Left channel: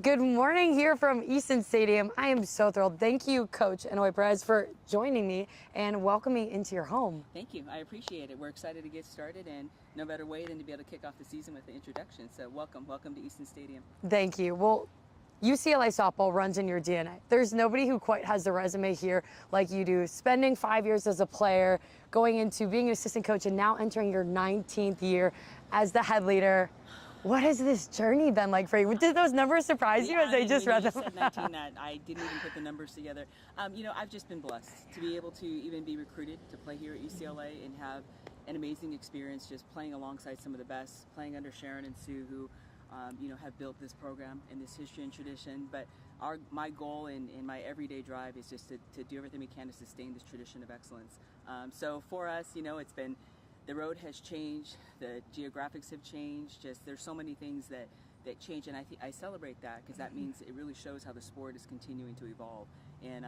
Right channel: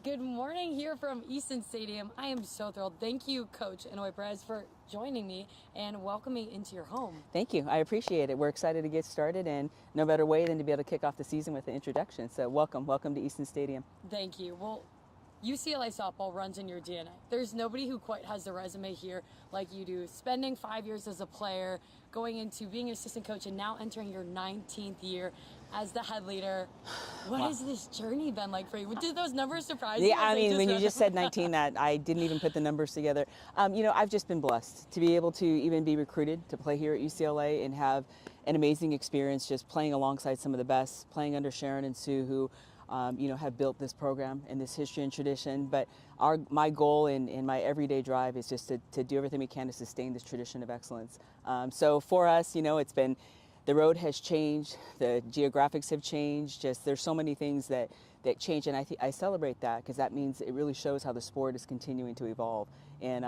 Good morning here from Easton Stadium. I am so thrilled. Thank you, Coach Inouye-Perez, for joining me and welcoming me into your home. Thank you. I appreciate it. We're excited to get started, and no better way than to be able to kick off the season with the introduction. So welcome to Easton Stadium. Thank you. Well, UCLA Softball runs in your DNA. There's nobody who quite has the resume here like you do. Spending 5 years as a player, going into being an assistant coach, and now entering your 19th year as the head leader. What has this journey been like for you? Did those numbers surprise you? When you just said 19, that I didn't even put the numbers together. I've just been blessed to be able to even be recruited to play here at UCLA and have an amazing experience just playing alongside some of the best, playing under Sharon and Sue, who have built this program and this history and tradition. But my goal and my everyday drive is just to do everything we can to sustain this tradition of excellence. So for us, it's been, the road has changed, the geographics have changed, just there's so many things that change, and I celebrate that because that means it really shows how the sport is continuing to evolve. And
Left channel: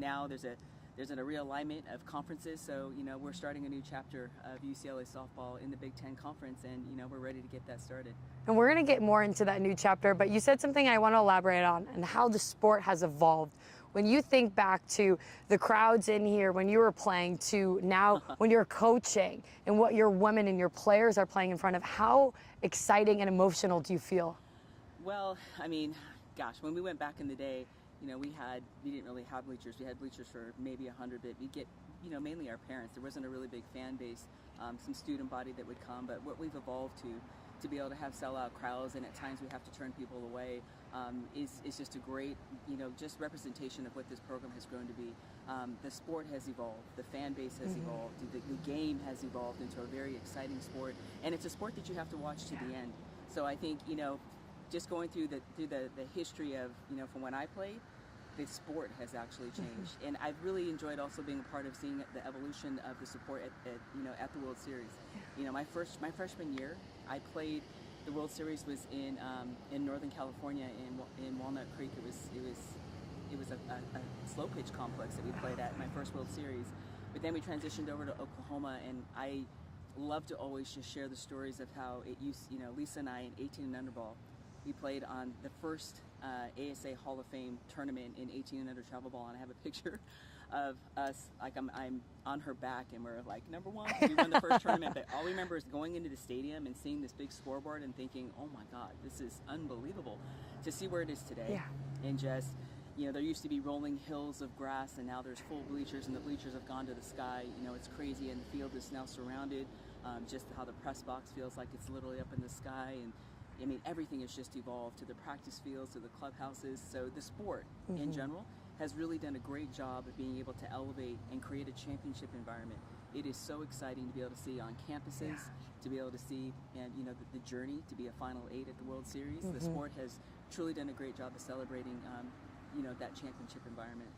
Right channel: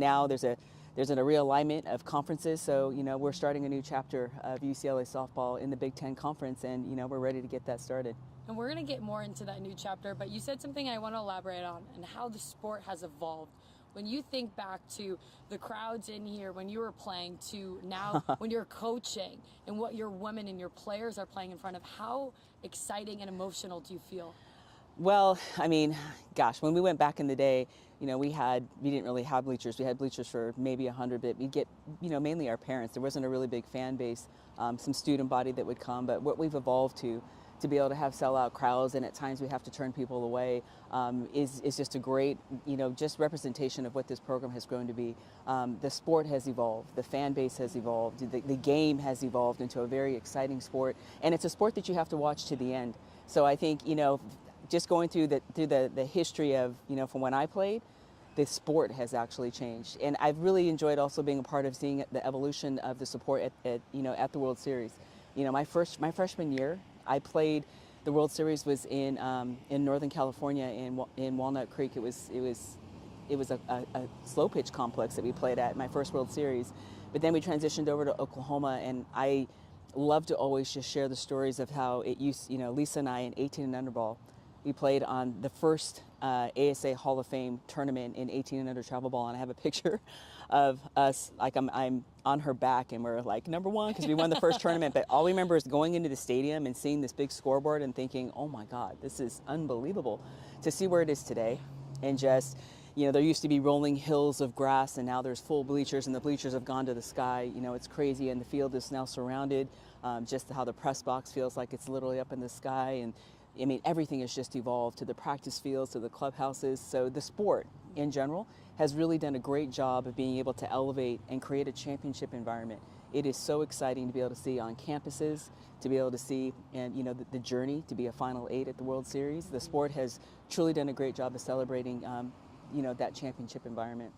now there's a realignment of conferences, so we're starting a new chapter of UCLA Softball in the Big Ten Conference, and we're ready to get that started. And we're going to get more into that new chapter, but you said something I want to elaborate on and how the sport has evolved. When you think back to the crowds in here when you were playing to now when you're coaching and what your women and your players are playing in front of, how exciting and emotional do you feel? Well, gosh, when we went back in the day, we didn't really have bleachers. We had bleachers for maybe 100, but we'd get, mainly our parents. There wasn't a really big fan base, some student body that would come, but what we've evolved to be able to have sellout crowds, and at times we have to turn people away, is just a great, just representation of what this program has grown to be. The sport has evolved, the fan base has evolved, the game has evolved into a very exciting sport, and it's a sport that you have to watch to the end. So I think, just going through the history of, from when I played, the sport has actually changed. And I've really enjoyed also being a part of seeing the evolution of the support at the World Series. My freshman year, I played, the World Series was in Northern California in Walnut Creek. It was a slow pitch complex that we played at, my first World Series. But then we transitioned over to Oklahoma, and I love to always just share the stories of how it used, Lisa and I in 18 and under ball, we played on the first ASA Hall of Fame tournament in 18 and under travel ball, and I have a picture of us, like I'm on her back, and we're like #1 because we won the first tournament. But all we remember is going into the stadium and seeing this big scoreboard and thinking, oh my God, this is unbelievable. To see where it is today, and just, there used to be rolling hills of grass, and now there's full bleachers, and the bleachers have gone to the sky. It's crazy, and the field is now surrounded. Just how the press box feels like it's literally up in the sky, and everything has just evolved, to the practice fields, to the clubhouses. So the sport in general has really done a great job of being able to elevate and create a championship environment. It is so exciting to be able to see on campuses, to be able to see, and the journey to be a Final 8 at the World Series. The sport has truly done a great job of celebrating, that championship environment.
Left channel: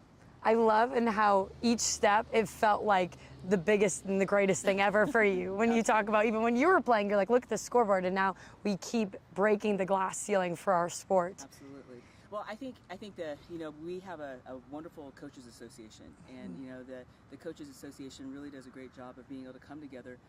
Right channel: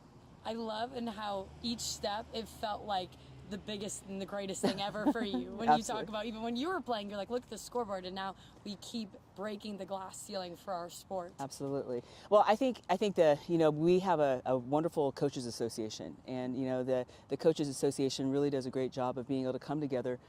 I love and how each step, it felt like the biggest and the greatest thing ever for you. When you talk about, even when you were playing, you're like, look at the scoreboard, and now we keep breaking the glass ceiling for our sport. Absolutely. Well, I think that, we have a wonderful coaches association, and, the coaches association really does a great job of being able to come together,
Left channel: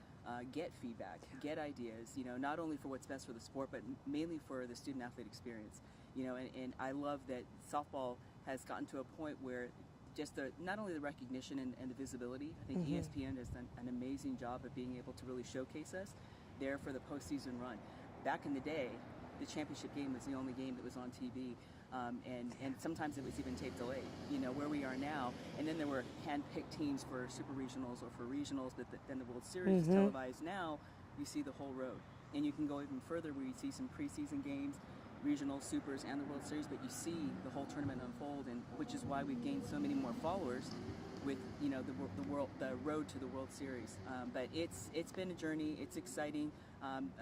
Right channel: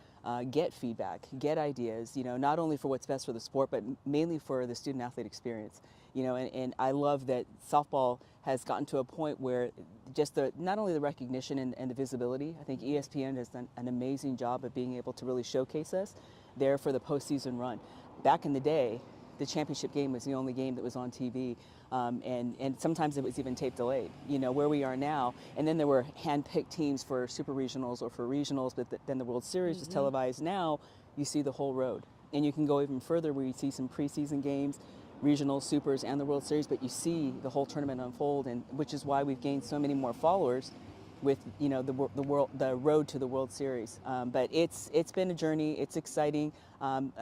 get feedback, get ideas, not only for what's best for the sport, but mainly for the student athlete experience. And I love that softball has gotten to a point where just not only the recognition and the visibility, I think ESPN has done an amazing job of being able to really showcase us there for the postseason run. Back in the day, the championship game was the only game that was on TV, and sometimes it was even tape delayed, where we are now. And then there were hand-picked teams for super regionals or for regionals, but then the World Series is televised. Now you see the whole road, and you can go even further where you see some preseason games, regional, supers, and the World Series, but you see the whole tournament unfold, and which is why we've gained so many more followers with the road to the World Series. But it's been a journey. It's exciting.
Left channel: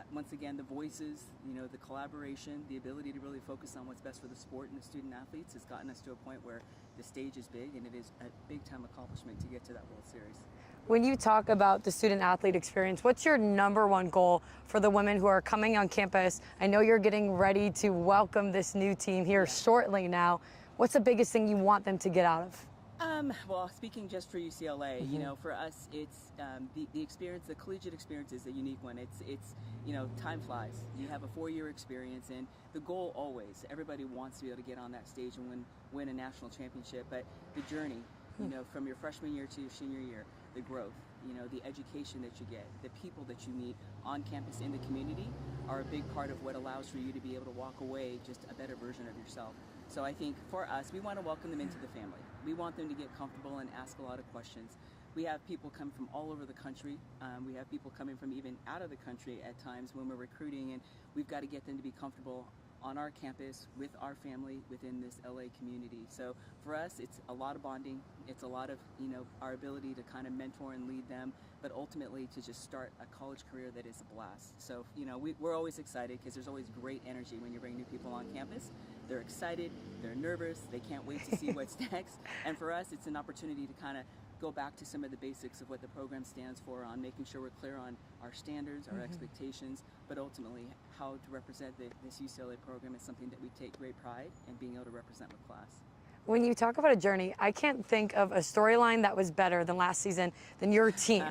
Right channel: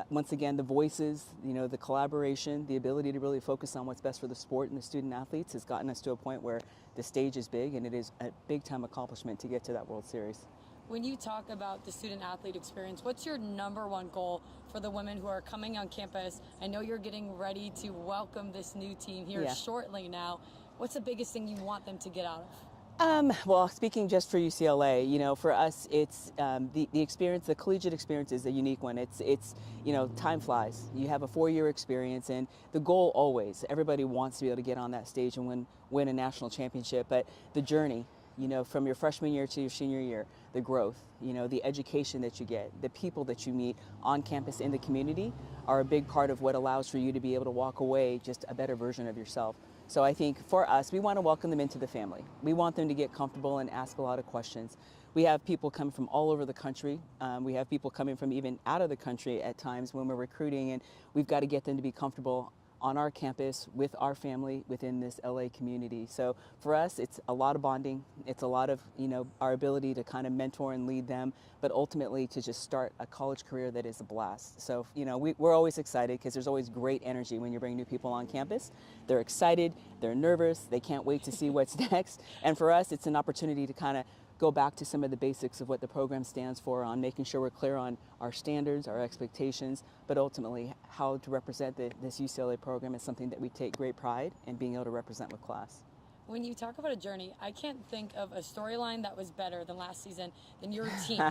Once again, the voices, the collaboration, the ability to really focus on what's best for the sport and the student athletes has gotten us to a point where the stage is big, and it is a big time accomplishment to get to that World Series. When you talk about the student athlete experience, what's your #1 goal for the women who are coming on campus? I know you're getting ready to welcome this new team here shortly now. What's the biggest thing you want them to get out of? Well, speaking just for UCLA, you know, for us, it's the experience, the collegiate experience is a unique one. It's you know, time flies. You have a 4-year experience, and the goal always, everybody wants to be able to get on that stage and win a national championship. But the journey, you know, from your freshman year to your senior year, the growth, you know, the education that you get, the people that you meet on campus in the community are a big part of what allows for you to be able to walk away just a better version of yourself. So I think for us, we want to welcome them into the family. We want them to get comfortable and ask a lot of questions. We have people come from all over the country. We have people coming from even out of the country at times when we're recruiting, and we've got to get them to be comfortable on our campus with our family within this LA community. So for us, it's a lot of bonding. It's a lot of, you know, our ability to kind of mentor and lead them, but ultimately to just start a college career that is a blast. So, you know, we're always excited because there's always great energy when you bring new people on campus. They're excited, they're nervous, they can't wait to see what's next. And for us, it's an opportunity to kind of go back to some of the basics of what the program stands for, on making sure we're clear on our standards, our expectations, but ultimately how to represent this UCLA program is something that we take great pride in being able to represent with class. When you talk about a journey, I can't think of a storyline that was better than last season than your team.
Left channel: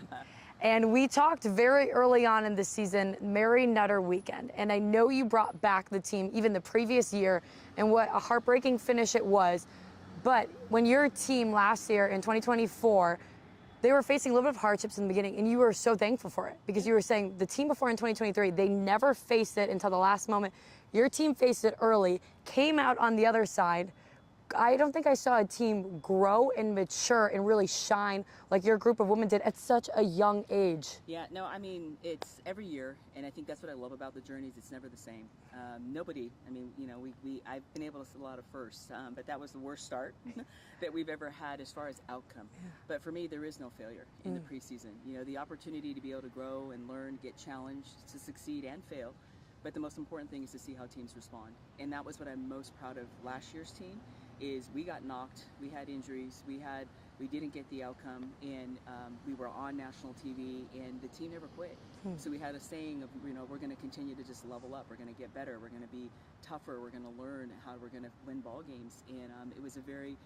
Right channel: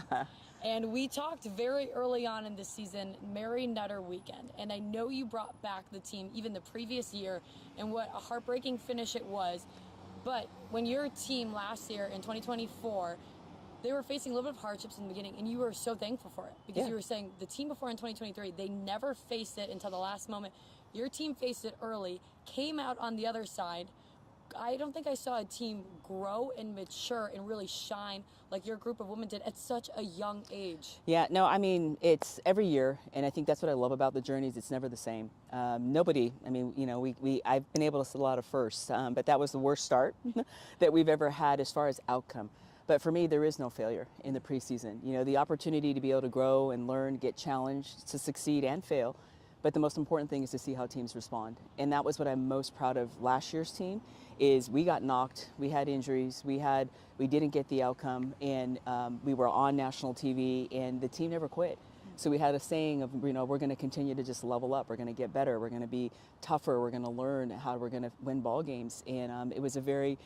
And we talked very early on in the season, Mary Nutter weekend. And I know you brought back the team even the previous year, and what a heartbreaking finish it was. But when your team last year in 2024, they were facing a little bit of hardships in the beginning, and you were so thankful for it because you were saying the team before in 2023, they never faced it until the last moment. Your team faced it early, came out on the other side. I don't think I saw a team grow and mature and really shine like your group of women did at such a young age. Yeah, no, I mean, it's every year, and I think that's what I love about the journeys. It's never the same. Nobody, I mean, you know, I've been able to see a lot of firsts, but that was the worst start that we've ever had as far as outcome. But for me, there is no failure in the preseason. You know, the opportunity to be able to grow and learn, get challenged, to succeed and fail. But the most important thing is to see how teams respond. And that was what I'm most proud of last year's team, is we got knocked, we had injuries, we didn't get the outcome, and we were on national TV, and the team never quit. So we had a saying of, you know, we're going to continue to just level up, we're going to get better, we're going to be tougher, we're going to learn how we're going to win ball games. And it was a very,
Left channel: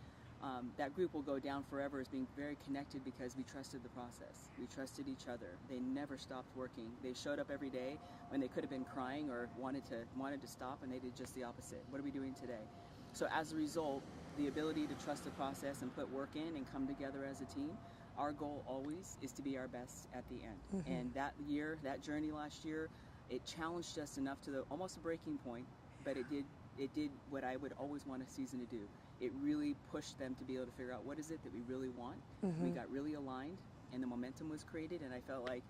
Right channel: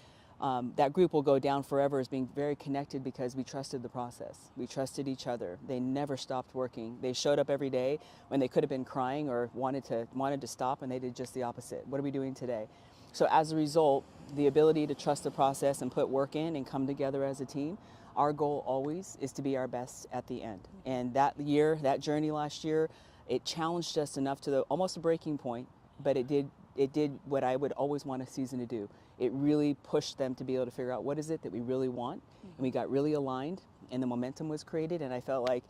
that group will go down forever as being very connected because we trusted the process. We trusted each other. They never stopped working. They showed up every day when they could have been crying or wanted to stop, and they did just the opposite. What are we doing today? So as a result, the ability to trust the process and put work in and come together as a team, our goal always is to be our best at the end. And that year, that journey last year, it challenged us enough to almost a breaking point, but it did what I would always want a season to do. It really pushed them to be able to figure out what is it that we really want. We got really aligned, and the momentum was created, and I felt like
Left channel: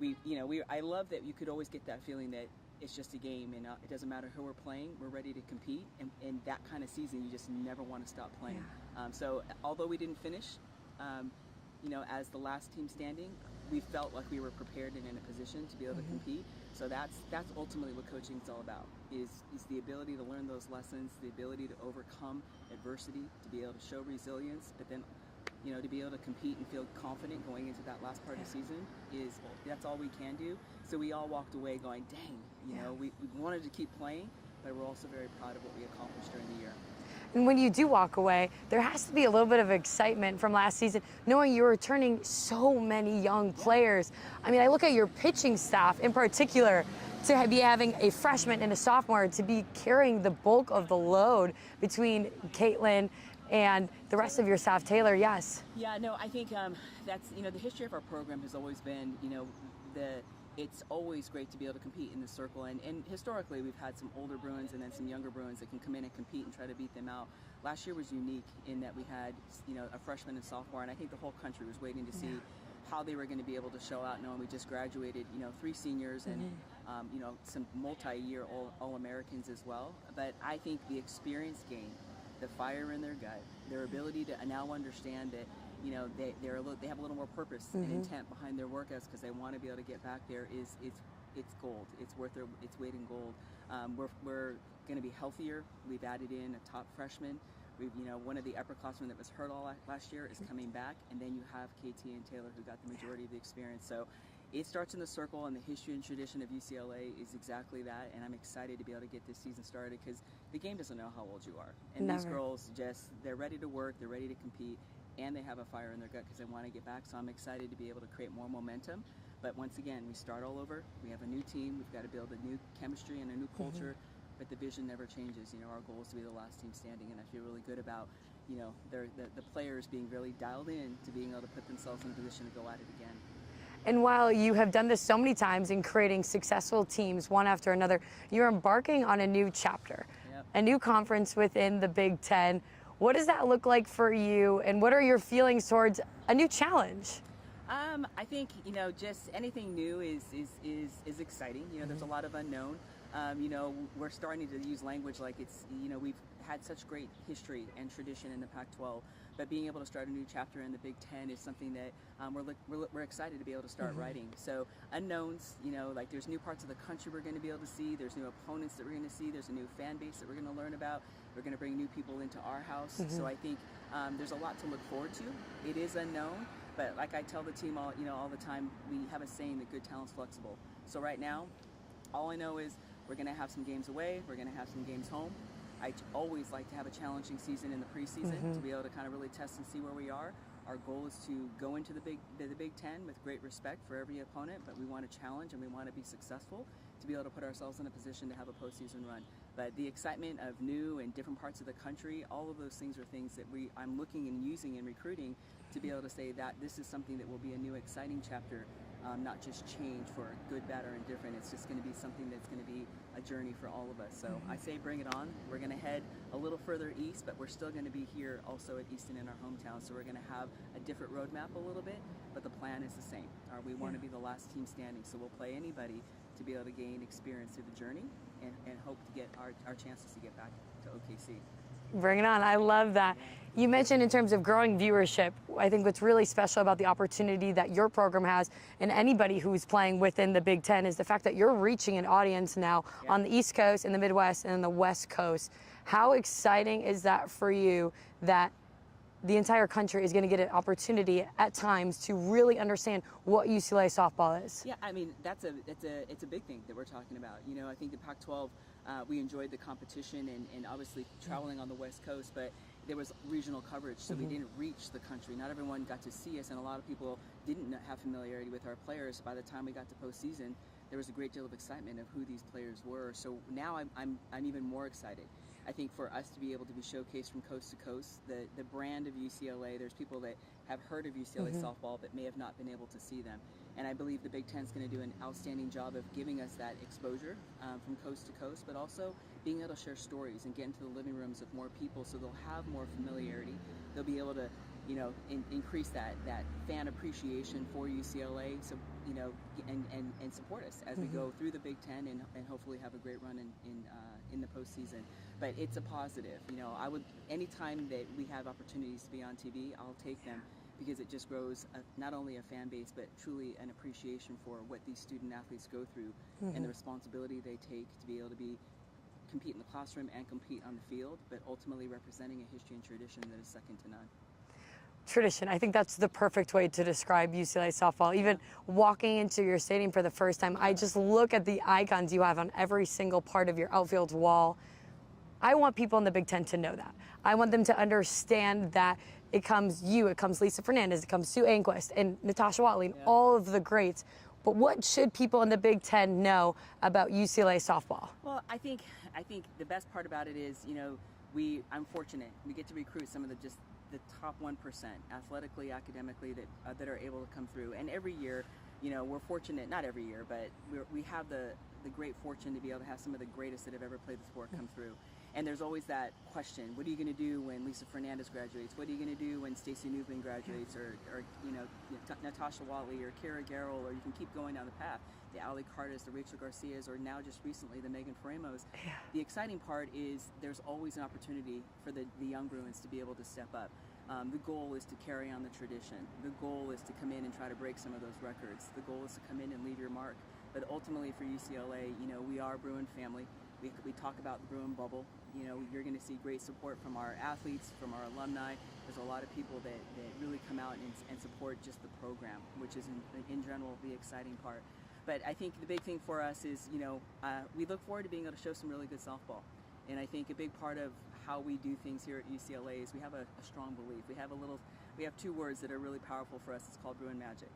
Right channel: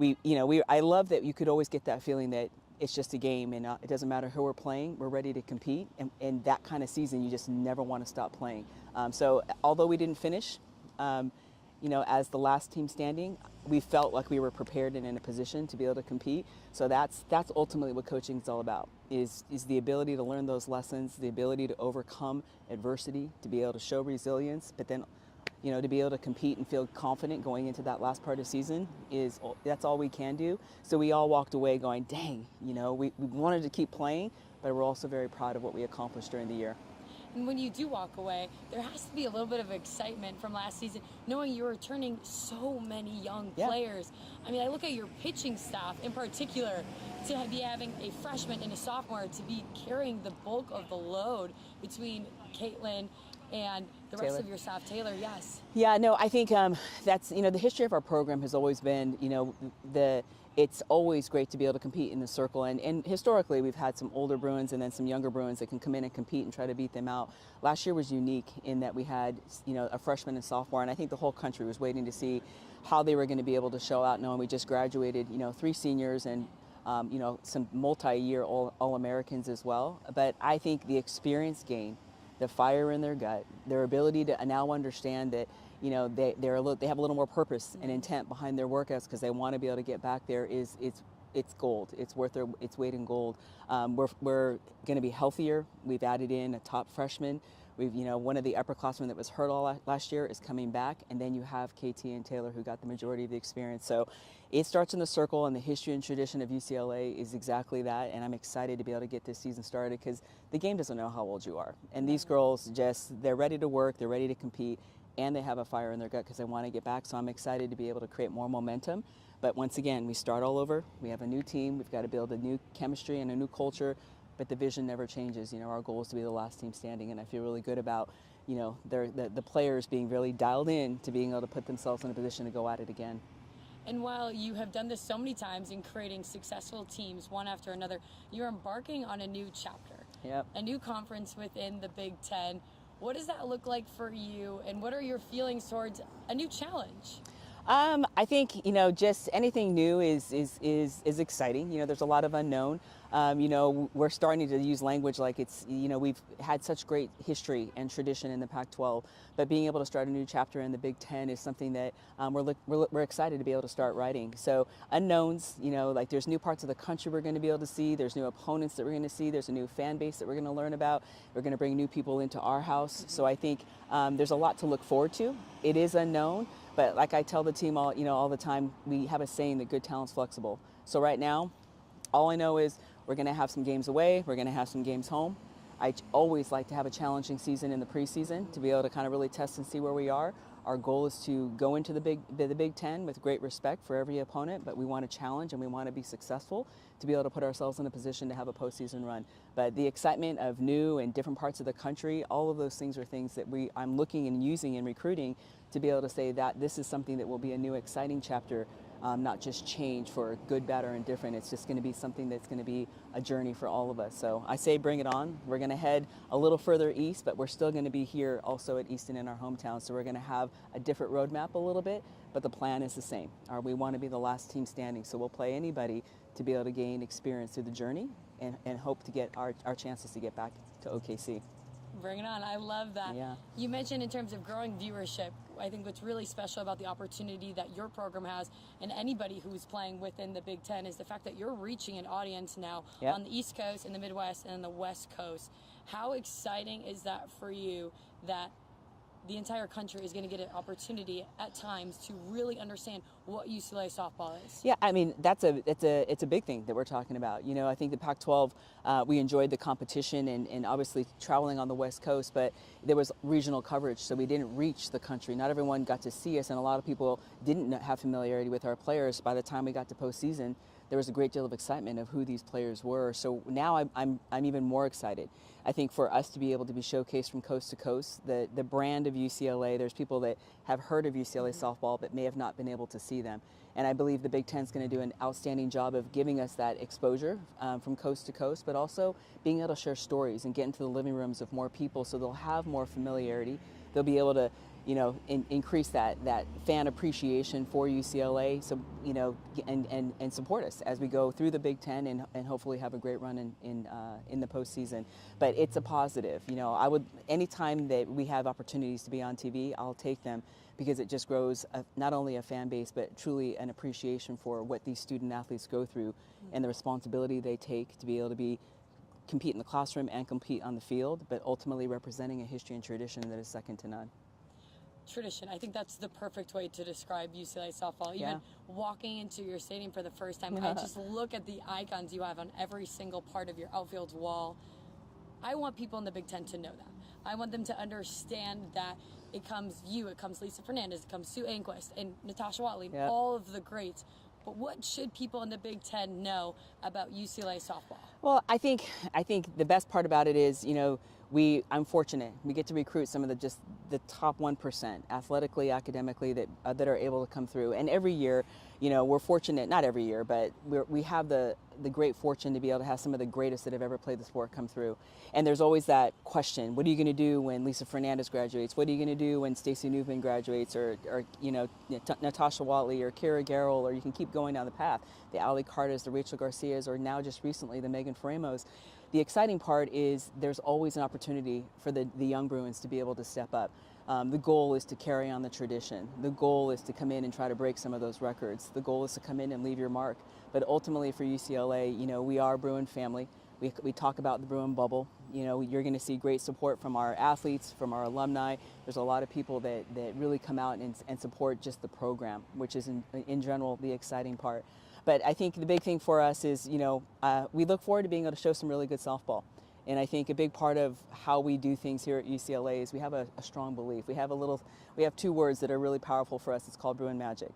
I love that you could always get that feeling that it's just a game, and it doesn't matter who we're playing, we're ready to compete. And that kind of season, you just never want to stop playing. So although we didn't finish, you know, as the last team standing, we felt like we were prepared and in a position to be able to compete. So that's ultimately what coaching is all about, is the ability to learn those lessons, the ability to overcome adversity, to be able to show resilience, but then, you know, to be able to compete and feel confident going into that last part of the season, that's all we can do. So we all walked away going, dang, you know, we wanted to keep playing, but we're also very proud of what we accomplished during the year. And when you do walk away, there has to be a little bit of excitement from last season, knowing you're returning so many young players. I mean, I look at your pitching staff in particular, to be having a freshman and a sophomore, to be carrying the bulk of the load between Caitlin and the rest of your staff. Taylor, yes. Yeah, no, I think that's, you know, the history of our program has always been, you know, it's always great to be able to compete in the circle. And historically, we've had some older Bruins and then some younger Bruins that can come in and compete and try to beat them out. Last year was unique in that we had, you know, a freshman and sophomore, and I think the whole country was waiting to see how they were going to be able to show out, knowing we just graduated, you know, 3 seniors and, you know, some multi-year All-Americans as well. But I think the experience gain, the fire in their gut, their ability to now understand that, you know, they have a little more purpose and intent behind their workouts because they want to be able to get back there, it's gold. It's worth its weight in gold. We're going to be healthier. We've added in a top freshman. We've, you know, one of the upperclassmen that was hurt all last year is coming back, and then you have KT and Taylor who got the majority of the experience. So it starts in the circle, and the history and tradition of UCLA is exactly that. And I'm excited to be able to get this season started because the game doesn't know how old you are, and these girls they're ready to work, they're ready to compete. and they have a fire in their gut because they want to get back. So I'm excited to be able to create more momentum. But once again, we start all over. We have a new team. We've got to build a new chemistry and a new culture. But the vision never changes. You know, our goal is to be the last team standing, and I feel really good about, you know, the players being really dialed in to being able to put themselves in a position to go at it again. And while you have done this so many times in creating successful teams one after another, you're embarking on a new chapter, a new conference within the Big Ten. What does that look like for you, and what are your feelings towards a new challenge? I think, you know, just anything new is exciting. You know, there's a lot of unknown. You know, we're starting to use language like it's, you know, we've had such great history and tradition in the Pac-12, but being able to start a new chapter in the Big Ten is something that we're excited to be able to start writing. So unknowns, you know, like there's new parts of the country we're going to be able to see. There's new opponents that we're going to see. There's a new fan base that we're going to learn about. We're going to bring new people into our house. So I think there's a lot to look forward to. It is unknown, but like I tell the team all the time, we have a saying that good talent's flexible. So right now, all I know is we're going to have some games away. We're going to have some games home. I always like to have a challenging season in the preseason to be able to kind of really test and see where we are. Our goal is to go into the Big Ten with great respect for every opponent, but we want to challenge and we want to be successful to be able to put ourselves in a position to have a postseason run. But the excitement of new and different parts of the country, all of those things are things that I'm looking and using in recruiting to be able to say that this is something that will be a new exciting chapter. Not just change for good, bad, or indifferent. It's just going to be something that's going to be a journey for all of us. So I say bring it on. We're going to head a little further east, but we're still going to be here also at Easton in our hometown. So we're going to have a different roadmap a little bit, but the plan is the same. We want to be the last team standing. So we'll play anybody to be able to gain experience through the journey and hope to get our chances to get back to OKC. Bring it on. I love that. Yeah. You mentioned in terms of growing viewership, I think what's really special about the opportunity that your program has and anybody who's playing within the Big Ten is the fact that you're reaching an audience now on the East Coast, in the Midwest, and in the West Coast. How exciting is that for you that the entire country is going to get an opportunity at times to really understand what UCLA softball is? Yeah, I mean, it's a big thing that we're talking about. You know, I think the Pac-12, we enjoyed the competition and obviously traveling on the West Coast, but there was regional coverage, so we didn't reach the country. Not everyone got to see us, and a lot of people didn't have familiarity with our players. By the time we got to postseason, there was a great deal of excitement of who these players were. So now I'm even more excited. I think for us to be able to be showcased from coast to coast, the brand of UCLA, there's people that have heard of UCLA softball but may have not been able to see them. And I believe the Big Ten's going to do an outstanding job of giving us that exposure from coast to coast, but also being able to share stories and get into the living rooms of more people so they'll have more familiarity. They'll be able to, you know, increase that fan appreciation for UCLA, so, you know, and support us as we go through the Big Ten and hopefully have a great run in the postseason. But it's a positive. You know, anytime that we have opportunities to be on TV, I'll take them because it just grows not only a fan base, but truly an appreciation for what these student athletes go through and the responsibility they take to be able to compete in the classroom and compete on the field, but ultimately representing a history and tradition that is second to none. Tradition. I think that's the perfect way to describe UCLA softball. Even walking into your stadium for the first time, I just look at the icons you have on every single part of your outfield wall. I want people in the Big Ten to know that. I want them to understand that it comes Lisa Fernandez, it comes Sue Anquist, and Natasha Watley, and all of the greats. But what should people in the Big Ten know about UCLA softball? Well, I think the best part about it is, you know, I'm fortunate. We get to recruit some of the top 1% athletically, academically that are able to come through. And every year, you know, we're fortunate, not every year, but we have the great fortune to be able to have some of the greatest that have ever played the sport come through. And there's always that question, what are you going to do when Lisa Fernandez graduates? What are you going to do when Stacey Newman graduates, or you know, Natasha Watley or Kira Garrell, or you can keep going down the path. The Ali Cartas, the Rachel Garcias, or now just recently the Megan Faremos. The exciting part is there's always an opportunity for the young Bruins to be able to step up. The goal is to carry on the tradition. The goal is to come in and try to break some of those records. The goal is to come in and leave your mark. But ultimately for UCLA, you know, we are a Bruin family. We talk about the Bruin bubble. You know, you're going to see great support from our athletes, from our alumni. There's a lot of people that really come out and support just the program, which is in general the exciting part. But I think the big thing for us is, you know, we look forward to being able to show some really good softball. And I think a big part of how we do things here at UCLA is we have a strong belief. We have two words that are really powerful for us. It's called Bruin Magic.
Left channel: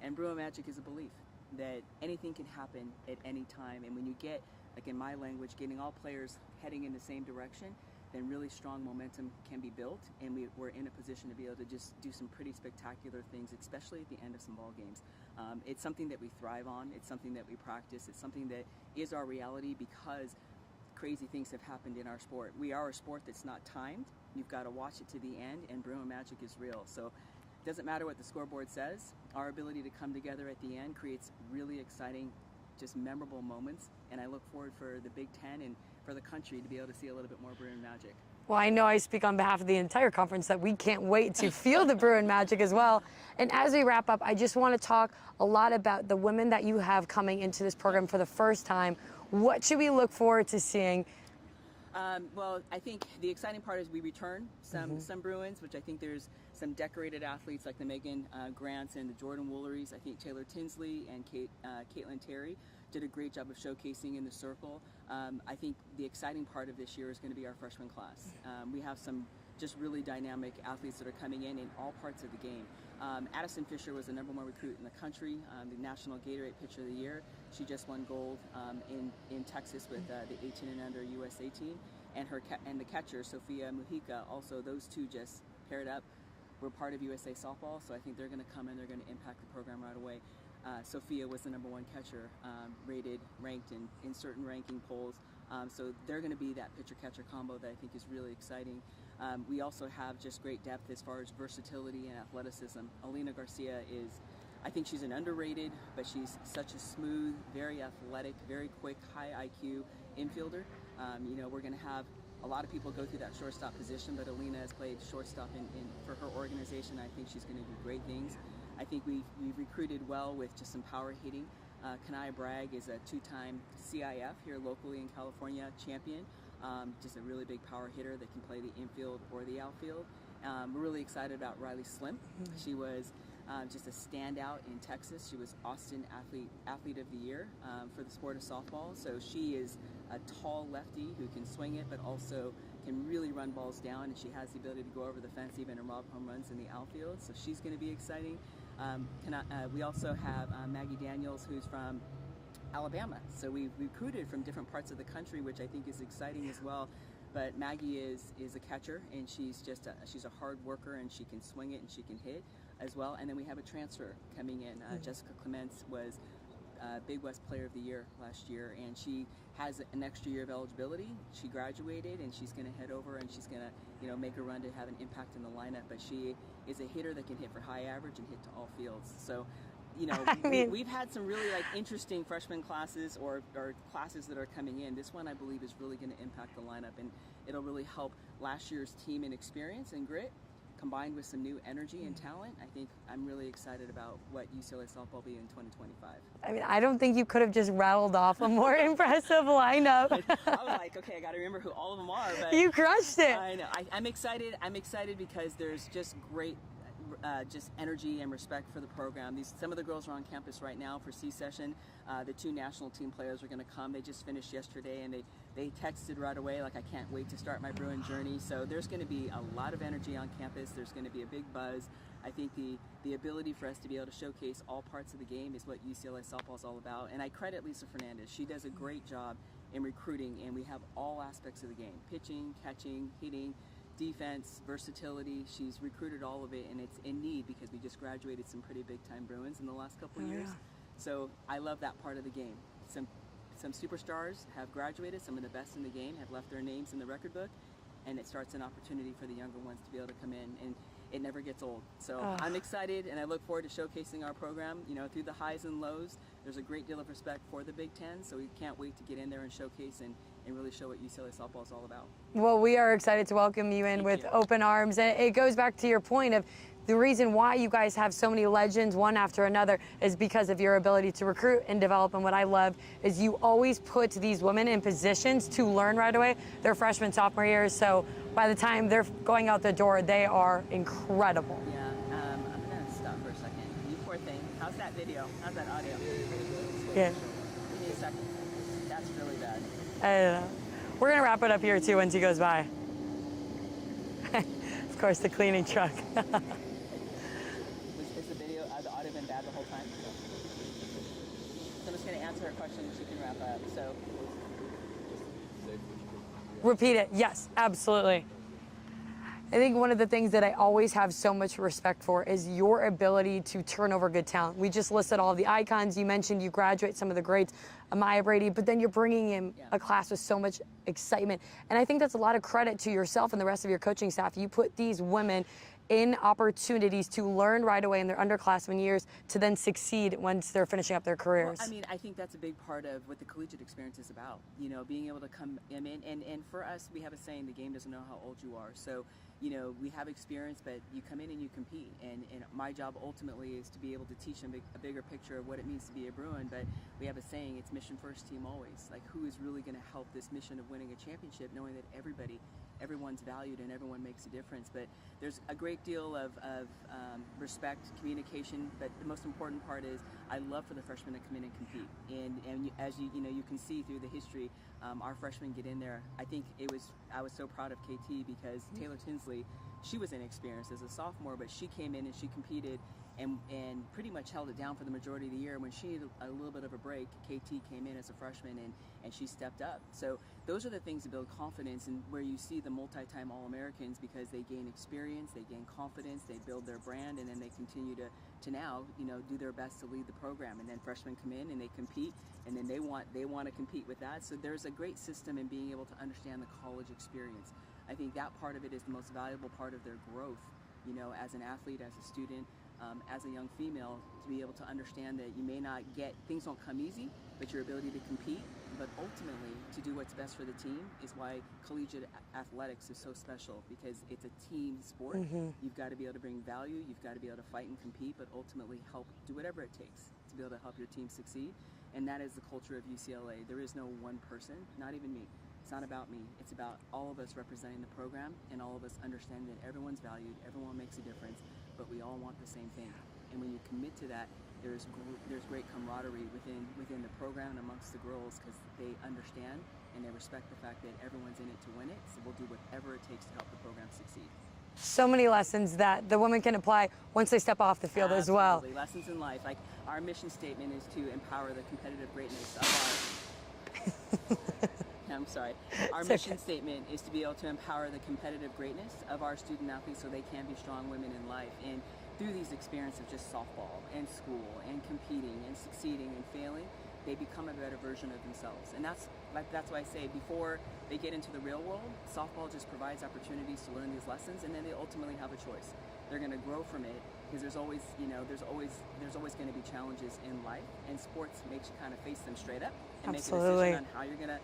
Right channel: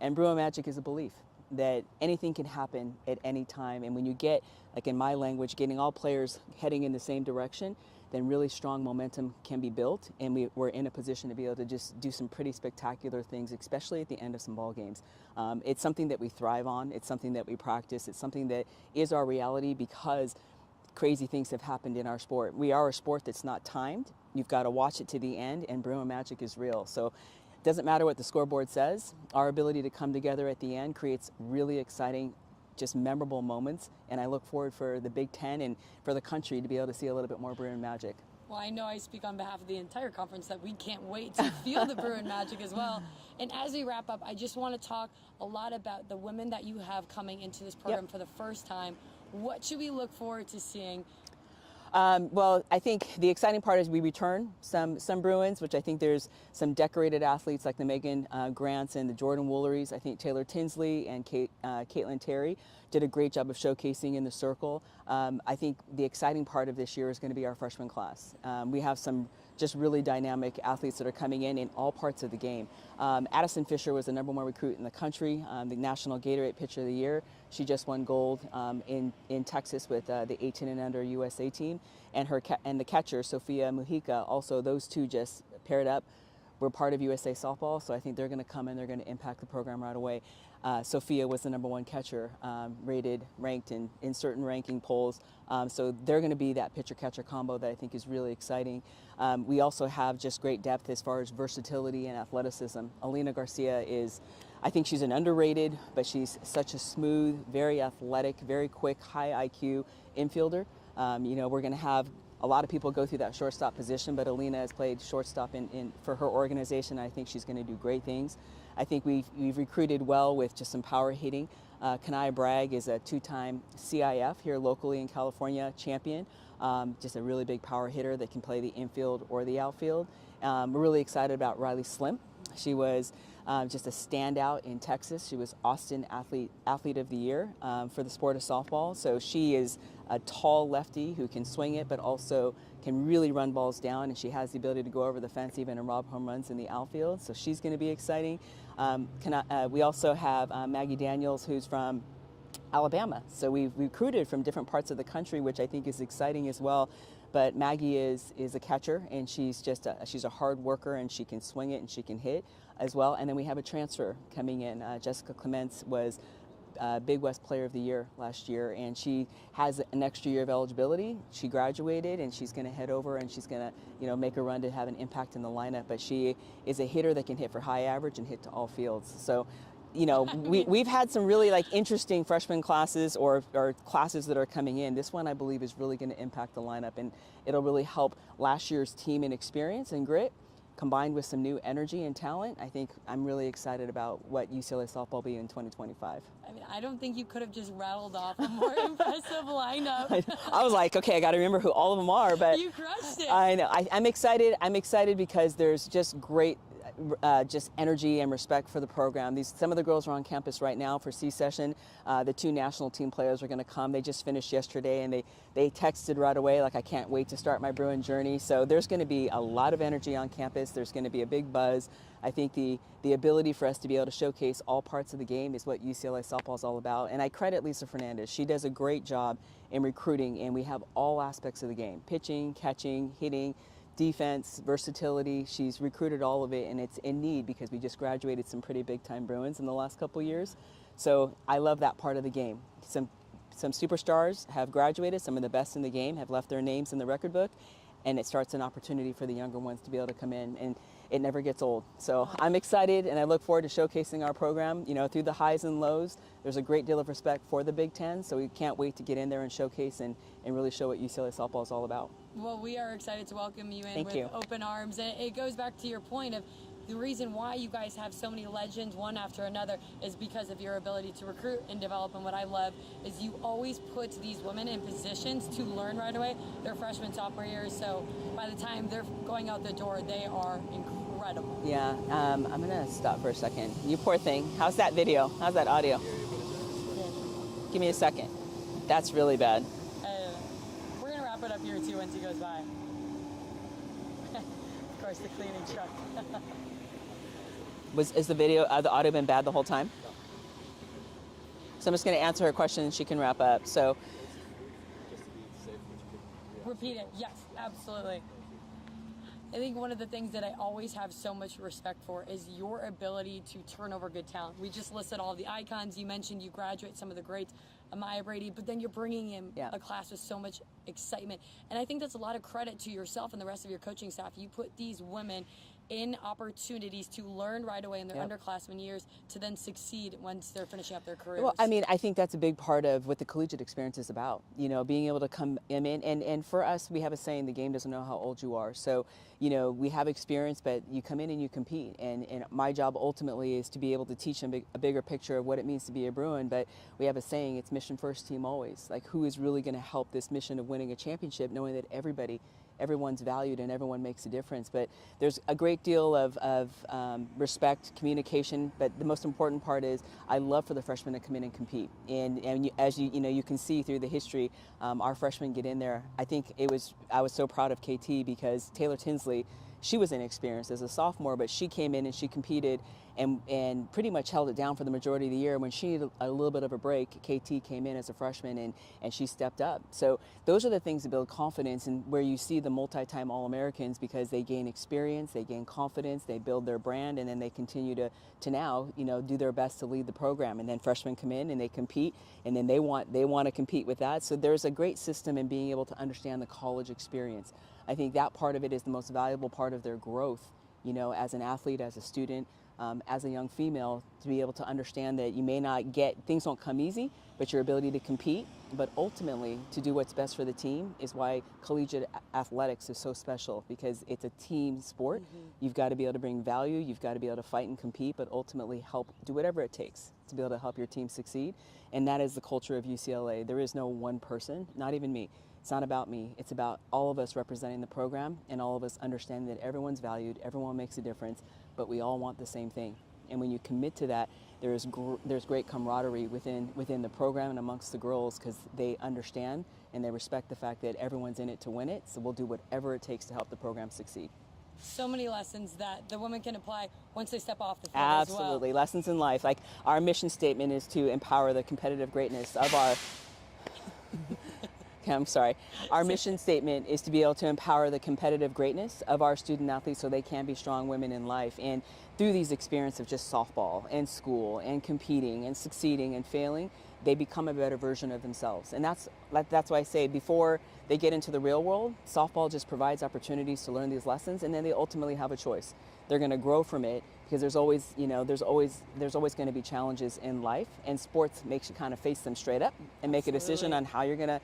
And Bruin Magic is a belief that anything can happen at any time. And when you get, like in my language, getting all players heading in the same direction, then really strong momentum can be built, and we're in a position to be able to just do some pretty spectacular things, especially at the end of some ball games. It's something that we thrive on. It's something that we practice. It's something that is our reality because crazy things have happened in our sport. We are a sport that's not timed. You've got to watch it to the end, and Bruin Magic is real. So it doesn't matter what the scoreboard says. Our ability to come together at the end creates really exciting, just memorable moments, and I look forward for the Big Ten and for the country to be able to see a little bit more Bruin Magic. Well, I know I speak on behalf of the entire conference that we can't wait to feel the Bruin Magic as well. And as we wrap up, I just want to talk a lot about the women that you have coming into this program for the first time. What should we look forward to seeing? Well, I think the exciting part is we return some Bruins, which I think there's some decorated athletes like the Megan Grants and the Jordan Wooleries. I think Taylor Tinsley and Caitlin Terry did a great job of showcasing in the circle. I think the exciting part of this year is going to be our freshman class. We have some just really dynamic athletes that are coming in all parts of the game. Addison Fisher was the #1 recruit in the country, the National Gatorade Pitcher of the Year. She just won gold in Texas with the 18 and under USA team, and the catcher Sophia Mujica. Also, those two just paired up. We're part of USA Softball, so I think they're going to come in. They're going to impact the program right away. Sophia was the #1 catcher, ranked in certain ranking polls. So they're going to be that pitcher-catcher combo that I think is really exciting. We also have just great depth as far as versatility and athleticism. Alina Garcia I think she's an underrated, but she's such a smooth, very athletic, very quick, high IQ infielder. We're going to have a lot of people go through that shortstop position, but Alina has played shortstop for her organization. I think she's going to do great things. I think we've recruited well with just some power hitting. Kanaya Bragg is a 2-time CIF here locally in California champion. Just a really big power hitter that can play the infield or the outfield. We're really excited about Riley Slim. She was just a standout in Texas. She was Austin Athlete of the Year for the sport of softball. So she is a tall lefty who can swing it, but also can really run balls down, and she has the ability to go over the fence even and rob home runs in the outfield. So she's going to be exciting. We also have Maggie Daniels, who's from Alabama. So we've recruited from different parts of the country, which I think is exciting as well. But Maggie is a catcher, and she's a hard worker, and she can swing it and she can hit as well. And then we have a transfer coming in. Jessica Clements was Big West Player of the Year last year, and she has an extra year of eligibility. She graduated, and she's going to head over, and she's going to make a run to have an impact in the lineup. But she is a hitter that can hit for high average and hit to all fields. So, we've had some really interesting freshman classes or classes that are coming in. This one, I believe, is really going to impact the lineup, and it'll really help last year's team in experience and grit, combined with some new energy and talent. I think I'm really excited about what UCLA Softball will be in 2025. I mean, I don't think you could have just rattled off a more impressive lineup. I was like, okay, I got to remember who all of them are, but you crushed it. I know. I'm excited. I'm excited because there's just great just energy and respect for the program. Some of the girls are on campus right now for C-session. The 2 national team players are going to come. They just finished yesterday, and they texted right away like, I can't wait to start my Bruin journey. So there's going to be a lot of energy on campus. There's going to be a big buzz. I think the ability for us to be able to showcase all parts of the game is what UCLA Softball is all about. And I credit Lisa Fernandez. She does a great job in recruiting, and we have all aspects of the game: pitching, catching, hitting, defense, versatility. She's recruited all of it, and it's in need because we just graduated some pretty big-time Bruins in the last couple years. So I love that part of the game. Some superstars have graduated. Some of the best in the game have left their names in the record book, and it starts an opportunity for the younger ones to be able to come in, and it never gets old. So I'm excited, and I look forward to showcasing our program, through the highs and lows. There's a great deal of respect for the Big Ten, so we can't wait to get in there and showcase and really show what UCLA Softball is all about. Well, we are excited to welcome you in with open arms. And it goes back to your point of the reason why you guys have so many legends one after another is because of your ability to recruit and develop. And what I love is you always put these women in positions to learn right away. They're freshman, sophomore years, so by the time they're going out the door, they are incredible. Yeah, I'm going to stop for a second. You poor thing. How's that video? How's that audio? Yeah. Give me a second. That's really bad. We're gonna wrap it up here too once he goes by. Of course, the cleaning truck. Is the audio been bad the whole time? No. So I'm just going to answer her question and she can wrap up. So, repeat it. Yes, absolutely. I think one of the things that I always have so much respect for is your ability to turn over good talent. We just listed all of the icons. You mentioned you graduate some of the greats, Amaya Brady, but then you're bringing in a class with so much excitement. And I think that's a lot of credit to yourself and the rest of your coaching staff. You put these women in opportunities to learn right away in their underclassmen years to then succeed once they're finishing up their careers. Well, I mean, I think that's a big part of what the collegiate experience is about, you know, being able to come in. And for us, we have a saying, the game doesn't know how old you are. So, you know, we have experience, but you come in and you compete. And my job ultimately is to be able to teach them a bigger picture of what it means to be a Bruin. But we have a saying, it's mission first, team always. Like, who is really going to help this mission of winning a championship, knowing that everyone's valued and everyone makes a difference. But there's a great deal of respect, communication, but the most important part is I love for the freshmen to come in and compete. And as you can see through the history, our freshmen get in there. I was so proud of KT because Taylor Tinsley, she was inexperienced as a sophomore, but she came in and she competed and pretty much held it down for the majority of the year. When she needed a little bit of a break, KT came in as a freshman and she stepped up. So those are the things that build confidence, and where you see the multi-time All-Americans, because they gain experience, they gain confidence, they build their brand, and then they continue to now, you know, do their best to lead the program. And then freshmen come in and they compete, and then they want to compete with that. So there's a great system in being able to understand the college experience. I think that part of it is the most valuable part of their growth, you know, as an athlete, as a student, as a young female, to be able to understand that you may not things don't come easy, but your ability to compete, but ultimately to do what's best for the team is why collegiate athletics is so special, because it's a team sport. Mm-hmm. You've got to be able to bring value, you've got to be able to fight and compete, but ultimately help do whatever it takes to be able to help your team succeed. And that is the culture of UCLA. There is no one person, not even me. It's not about me. It's about all of us representing the program and all of us understanding that everyone's valued, everyone makes a difference, but we all want the same thing. And when you commit to that, there's great camaraderie within the program and amongst the girls, because they understand and they respect the fact that everyone's in it to win it. So we'll do whatever it takes to help the program succeed. So many lessons that the women can apply once they step off the field as well. Absolutely, lessons in life. Like, our mission statement is to empower the competitive greatness of our. I'm sorry. Our mission statement is to be able to empower the competitive greatness of our student athletes so they can be strong women in life. And through these experiences of just softball and school and competing and succeeding and failing, they become a better version of themselves. And that's why I say, before they get into the real world, softball just provides opportunities to learn these lessons, and then they ultimately have a choice. They're going to grow from it, because there's always going to be challenges in life, and sports makes you kind of face them straight up and make a decision on how you're going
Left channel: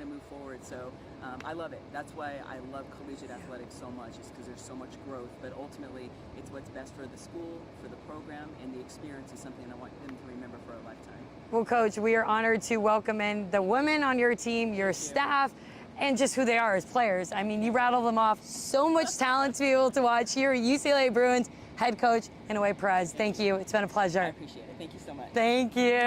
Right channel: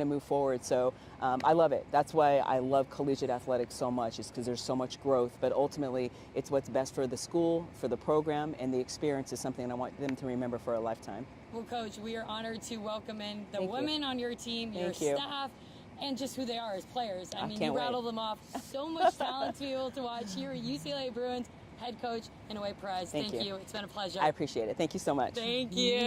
to move forward. So I love it. That's why I love collegiate athletics so much, is because there's so much growth, but ultimately it's what's best for the school, for the program, and the experience is something I want them to remember for a lifetime. Well, Coach, we are honored to welcome in the women on your team, your staff, and just who they are as players. I mean, you rattle them off. So much talent to be able to watch here at UCLA Bruins head coach Inouye-Perez. Thank you. It's been a pleasure. I appreciate it. Thank you so much. Thank you.